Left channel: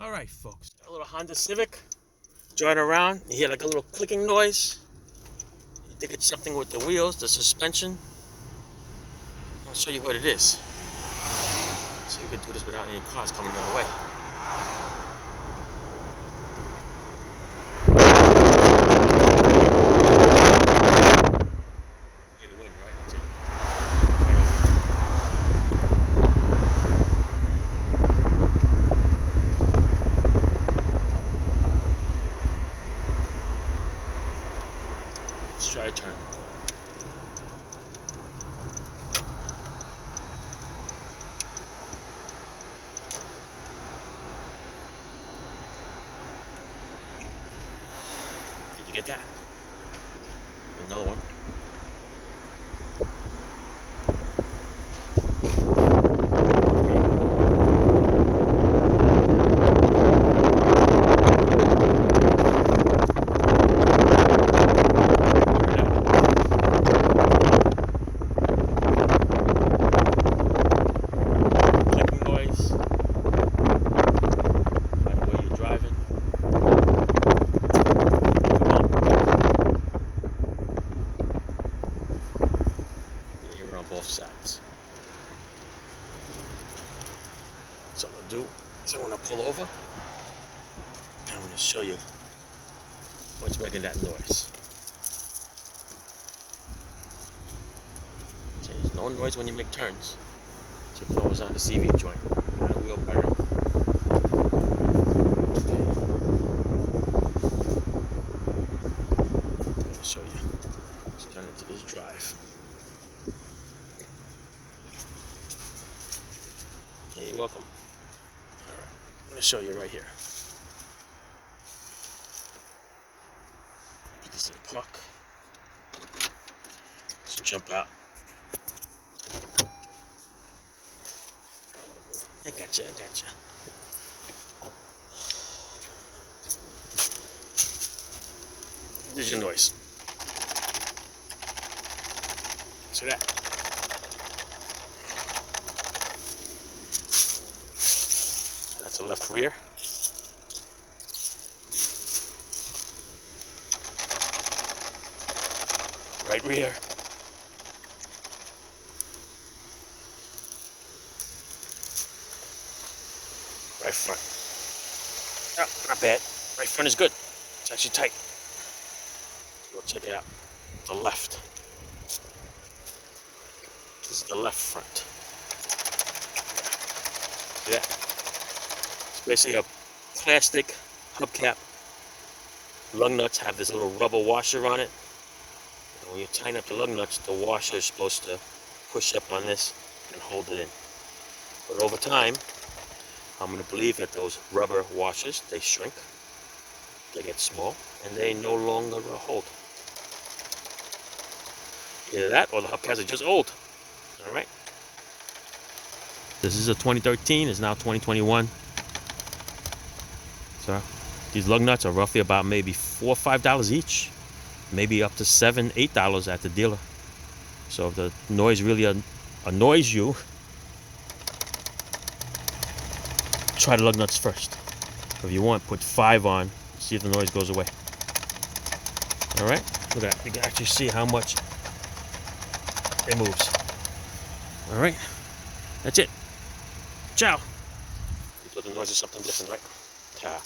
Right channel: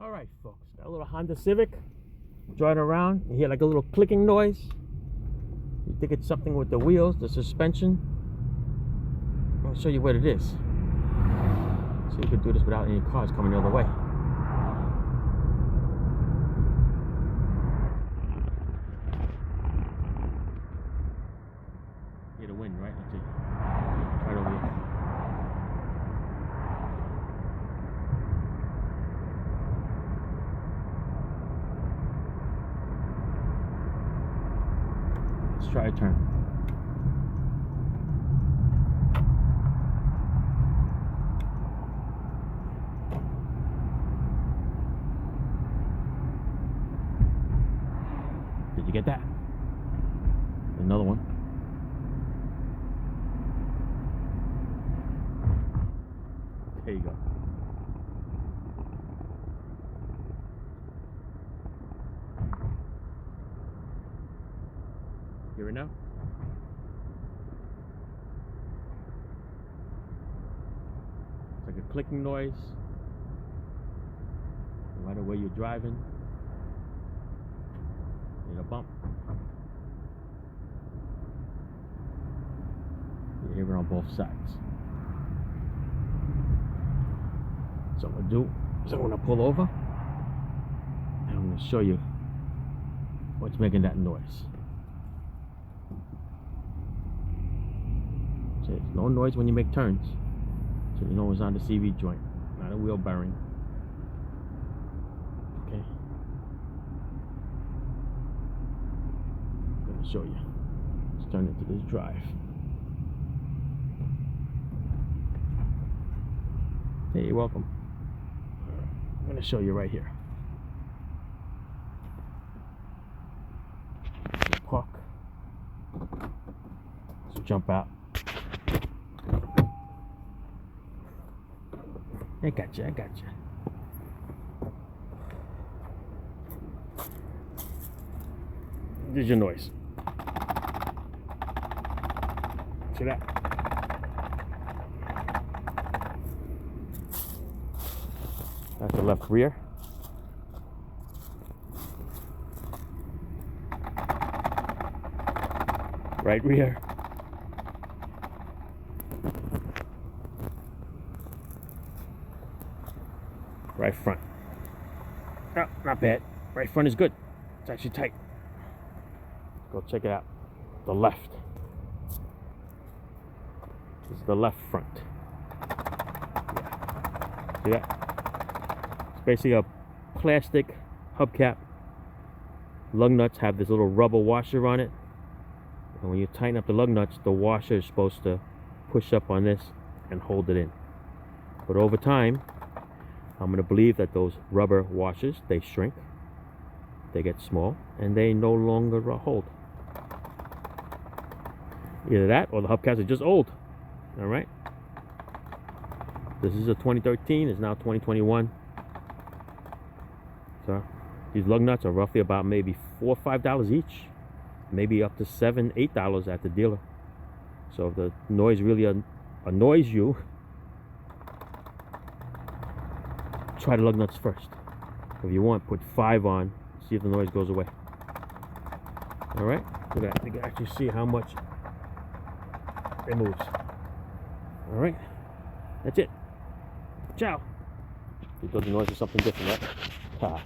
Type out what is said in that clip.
All right, folks, got a little Honda Civic. Driving around, you hear like a little clicking noise. You think it's something with the wheels, the suspension. I'll show you what it is. So you can do this without any cars coming the other way. You hear the wind, right? That's it. Right over here. Let's try a turn. Did you get that? Another one. Clicking noise. No matter where you're driving. You hear it on both sides. So what I'm gonna do is I'm gonna pull over and I'm gonna show you what's making that noise. So there's no noise when you make turns. So you know it's on the CV joint, not a wheel bearing. Okay. I'm gonna show you. Let's turn into this drive. Hey, you're welcome. All right, I'm gonna show you right here. This is a park. Let's jump out. I gotcha, I gotcha. There's your noise. See that? That's the left rear. Right rear. Right front. Oh, not bad. Right front is good. It's actually tight. Let's go check it out. The left. This is the left front. Yeah. See that? It's basically a plastic hubcap. Lug nuts have this little rubber washer on it. And when you tighten up the lug nuts, the washer is supposed to push up on this and hold it in. But over time, I'm going to believe that those rubber washers, they shrink, they get small, and they no longer hold. Either that or the hubcaps are just old. All right. This is a 2013, it's now 2021. So these lug nuts are roughly about maybe $4 or $5 each, maybe up to $7, $8 at the dealer. So if the noise really annoys you, try the lug nuts first. If you want, put 5 on, see if the noise goes away. All right, look at that. You can actually see how much it moves. All right, that's it. Ciao. You thought the noise was something different, right? Ta.